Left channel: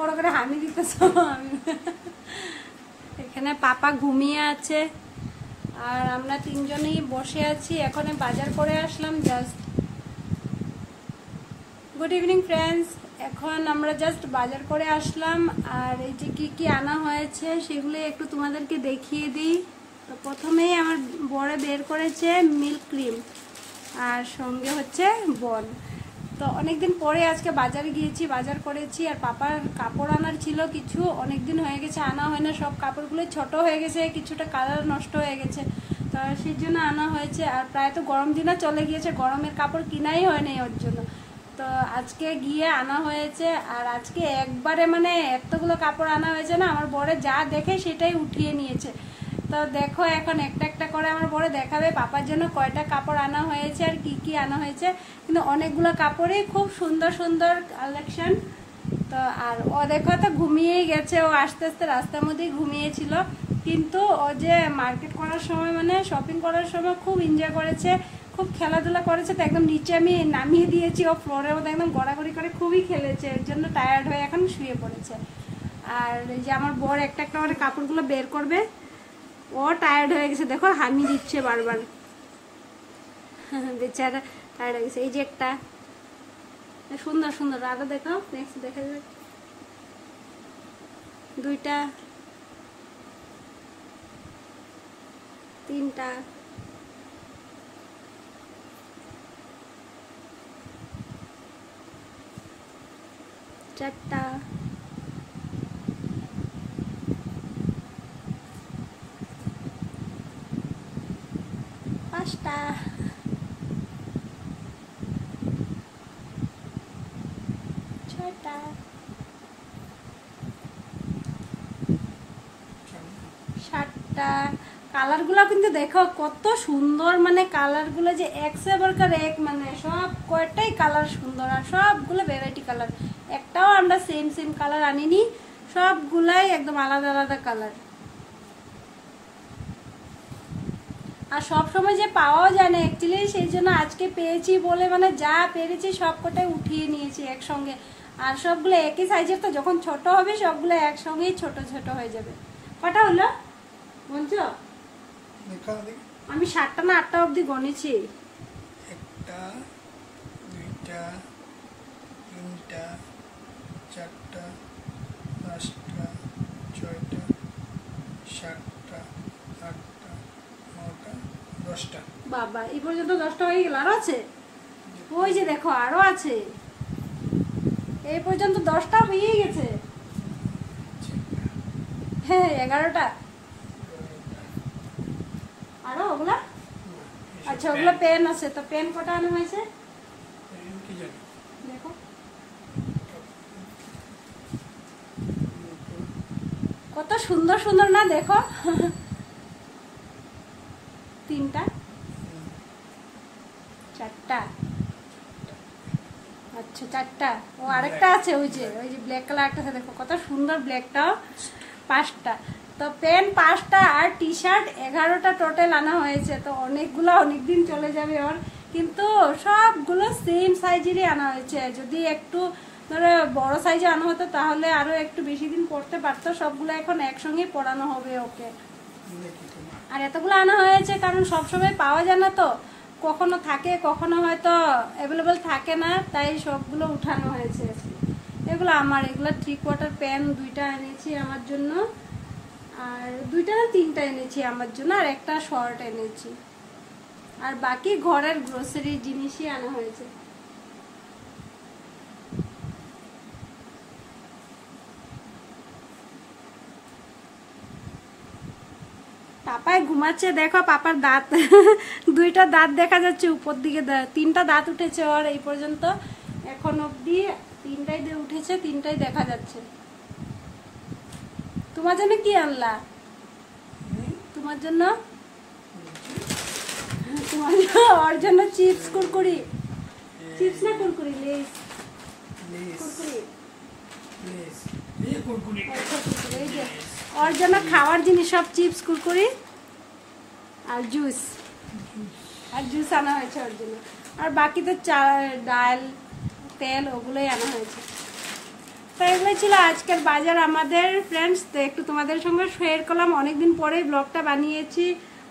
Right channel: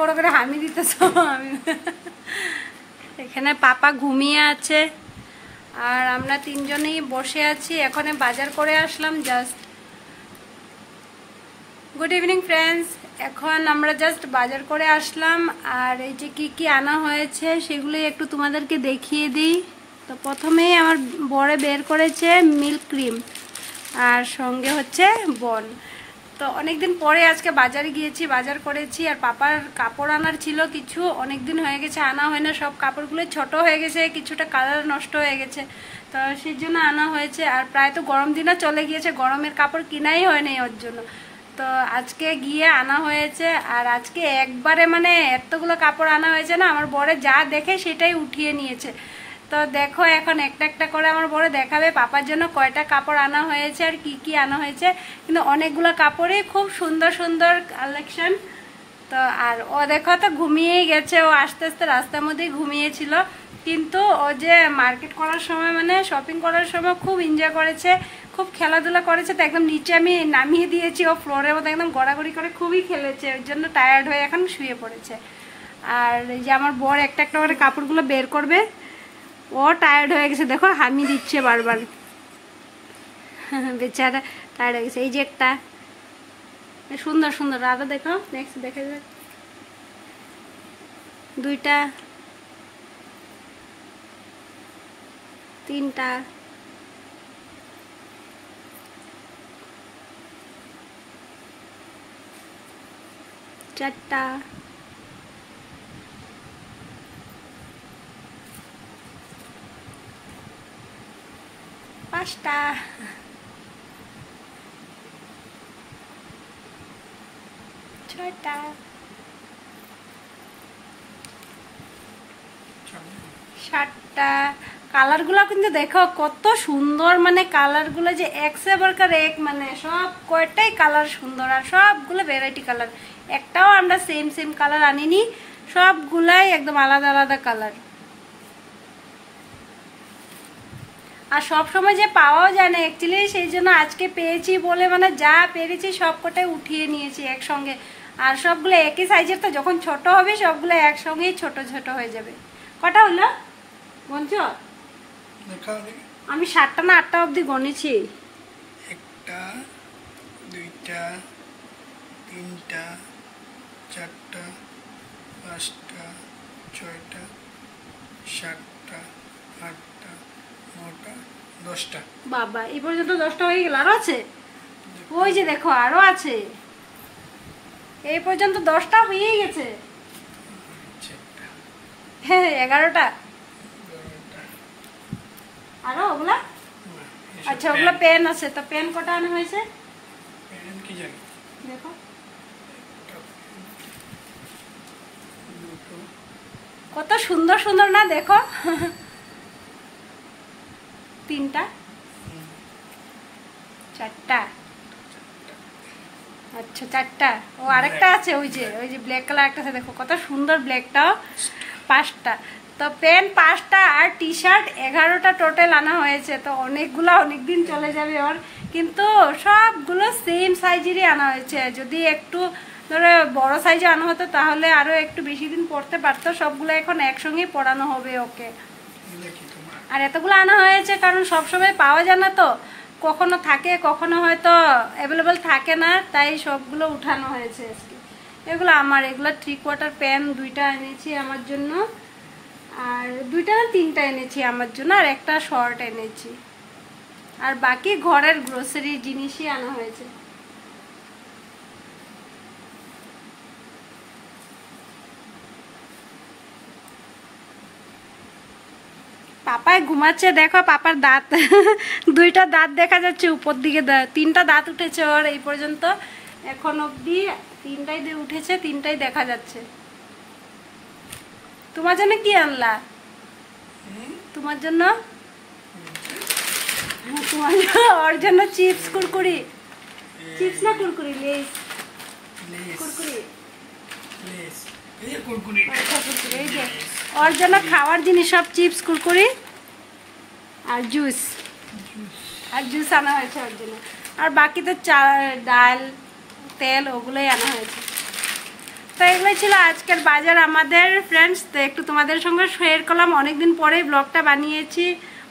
বড় করে হামি দিতেছ। আমি এখানে পাপা ঘুমিয়ে আছে আর আমরা তিনজনেই বসে আছি। এখন বাজার করে আসলাম জাস্ট। গুড ইভিনিং ফ্রেন্ডস, এখন আমরা জাস্ট বাজার করে আসলাম আর এই যে কি কি আনা হয়েছে সেগুলোই একটু তোমাদেরকে দেখিয়ে দিই। তো প্রথমেই আমার বড়ে বের করেছে মিল্ক ক্রিম আর সঙ্গে হচ্ছে বন। তো অনেকদিন পরে আজকে বাজারে গিয়েছি, বাজার করেছি। আর পাপার কাপড় আনার ছিল কিছু, অনেকদিন হয়ে গেছে আনা হয় না, সব কাপড়গুলো ছোট হয়ে গেছে, কিছুটা কালার নষ্ট হয়ে গেছে, তো সেই জন্য আনা হয়েছে। আর প্রায় তো গরম দিনও চলে গিয়েছে, গরমের কাপড় কিনাই হয়নি ওর জন্য। তো আজকে গিয়ে আনা হয়েছে আর আজকে একবারে মানে এতগুলো কাপড় আনা হয়েছে না, আমার বরে যা দেখে সেটাই উঠিয়ে নিয়েছে। তো দেখো এখন একটা একটা করে আমার বড় দেখাবে পাপার জন্য কয়টা কাপড় আনা হয়েছে আর কি কি আনা হয়েছে। কিন্তু অনেকগুলো কাপড়ই খুব সুন্দর সুন্দর কালেকশন। তো আর ও দেখো তো ঘুমিয়েই গেছে, ও আস্তে আস্তে রাস্তার মধ্যেই ঘুমিয়েছিল। কিন্তু ও যে মার্কেট করার সময় মানে শপিং করার সময় খুব এনজয় করেছে, খুব খেলাধুলা করেছে। তো একদম নিচে আমি নামিয়ে দিয়েছি, ও ফ্লোরের মধ্যে একদম গড়াগড়ি করে খুবই খেলেছে, ওর জন্য টায়ার্ড হয়ে এখন শুয়ে পড়েছে। আর এই যে আমার বর একটা একটা করে কাপড়গুলো বের করবে, ও টায়ার্ড হয়ে গেছে, দেখো হামি দিচ্ছে বারবার, বেচারা টায়ার্ড হয়ে গেছে। এই যে একটা সুন্দর সুন্দর, আরো দেখো নেক্সট দেখা যাক, দুইটা, তিনটা, চারটা, পাঁচটা, ছয়টা, সাতটা। কালারগুলো কিন্তু দেখো কত সুন্দর, মানে কালারগুলো যে এক সে বরকার এক, মানে সব কয়টাই কালার সুন্দর আর সবগুলো ভ্যারাইটি কালার। একটাও আমরা সেম সেম কালার আনিনি, সবগুলাই একদম আলাদা আলাদা কালার। আর সব সময় যে পাওয়াও যায় না অ্যাকচুয়ালি, সেই জন্য আজকে পেয়েছি বলে মানে যা পেরেছি সব কটাই উঠিয়ে নিয়েছি একসঙ্গে। আর সবগুলো একই সাইজের, তো যখন ছোট হবে সবগুলো একসঙ্গেই ছোট ছোট হয়ে যাবে। কটা হলো বলছো? আমি 7টা না 8টা অবধি গনেছি। একটা, দুইটা, তিনটা, চারটা, পাঁচটা, ছয়টা, সাতটা, আটটা, নটা, 10টা। বাবা, এই পর্যন্ত 10টা হয়ে গেল, আরো আছে? ওই যে দেখো আরো আছে, এই পর্যন্ত 10টা হয়েই গেছে। হ্যাঁ 11টা। আরো ওগুলা? আচ্ছা ওগুলো পেন আছে, তো পেন কটা আনা হয়েছে কি জানি দেখো, কত সুন্দর সুন্দর না দেখো। 3টা, 4টা, আচ্ছা 4টা। ও আরেকটা আছে, ওই যে ব্ল্যাক কালার একটা আছে, দেখো কত সুন্দর ব্ল্যাকটাও। 5টা। তো পেন 5টা আর টি শার্ট 11টা টোটাল আনা হয়েছে। তো অনেকগুলো, অনেকদিন চলে যাবে ওর, কিন্তু সবগুলো সেম সাইজেরই আনা হয়েছে। যদি একটু ধরো বড় সাইজে আনা হতো তাহলে আরো একটু বেশি দিন পরতে পারতো। সবগুলো এখন একসঙ্গেই পরানো হবে ওকে। আর এতগুলো আনা হয়েছে কারণ সবসময় পাওয়া যায় না, তো কখনো থাকে কখনো হয়তো অ্যাভেলেবেল থাকে না, তাই সবগুলো উঠানো হয়েছে আজকে। এগুলো আমার, এগুলো 3/4 প্যান্ট 2টা এনেছি আমার জন্য, আর 2টা না 3টা এনেছি আমার জন্য, আর একটা শর্ট এনেছি। আর বাকি ঘরের গ্রোসারি জিনিসই আনা হয়েছে। পাপায় ঘুমাচ্ছে, দেখো পাপার দাঁত, 2টা দাঁত দেখা যাচ্ছে উপর দিকে, 3টা দাঁত উঠেছে ওর এই পর্যন্ত, এখন অবধি 3টাই উঠেছে, 3টাই দেখা যাচ্ছে। তোমার জন্য কি আনলা? তোমার জন্য, তোমার ওর জন্য চিপস কুরকুরি, চিপস না কুরকুরি, লেস কুরকুরি, এই যে ওর জন্য খাওয়ার জিনিস সব চিপস কুরকুরি আর জুস, আর জুস আনা হয়েছে ওর জন্য। আর বাকি তো ডাল তেল ওগুলোই আনা হয়েছে। তো এগুলো হয়েছিল আজকের বাজার আমাদের ফ্রেন্ডস, তো একটু তোমাদের সঙ্গে শেয়ার করলাম। অনেকদিন পরেই ব্লগটা বানিয়েছি,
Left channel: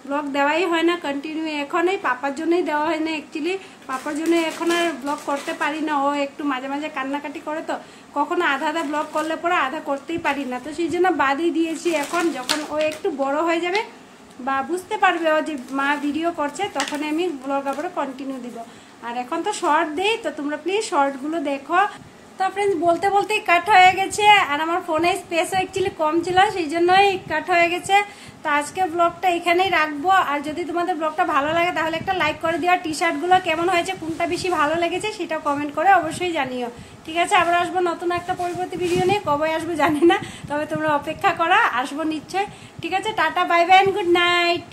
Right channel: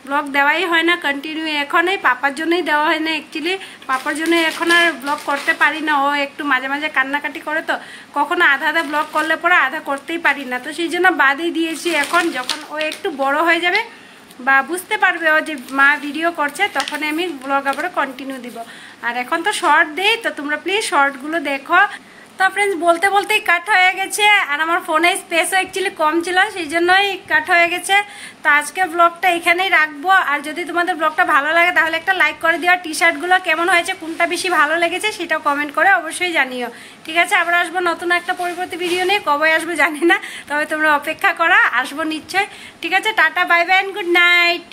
ব্লগ দেওয়াই হয় না কন্টিনিউ, এখন এই পাপার জন্যই দেওয়া হয় না অ্যাকচুয়ালি, পাপার জন্য এখন আর ব্লগ করতে পারি না, ও একটু মাঝে মাঝে কান্নাকাটি করে, তো কখনো আধা আধা ব্লগ করলে পরে আধা করতেই পারি না, তো সেই জন্য বাদই দিয়েছি। এখন যখন ও একটু বড় হয়ে যাবে বা বুঝতে পারবে ও যে মা ভিডিও করছে, তখন আমি ব্লগ আবার কন্টিনিউ দিব। আর এখন তো শর্ট দেই, তো তোমরা প্লিজ শর্টগুলো দেখো। তো ফ্রেন্ডস বলতে বলতেই কাট হয়ে গেছে, আর আমার ফোনে স্পেসও অ্যাকচুয়ালি কম ছিল, সেই জন্যই কাট হয়ে গেছে। তো আজকে ব্লগটা এখানেই রাখবো। আর যদি তোমাদের ব্লগটা ভালো লাগে তাহলে একটা লাইক করে দিও। টি শার্টগুলো কেমন হয়েছে, কোনটা বেশি ভালো লেগেছে সেটাও কমেন্ট করে অবশ্যই জানিও। ঠিক আছে, আবার আসবো নতুন একটা পরবর্তী ভিডিও নিয়ে, কবে আসবো জানি না, তবে তোমরা অপেক্ষা করো, আসবো নিশ্চয়। ঠিক আছে, tata, bye bye, good night.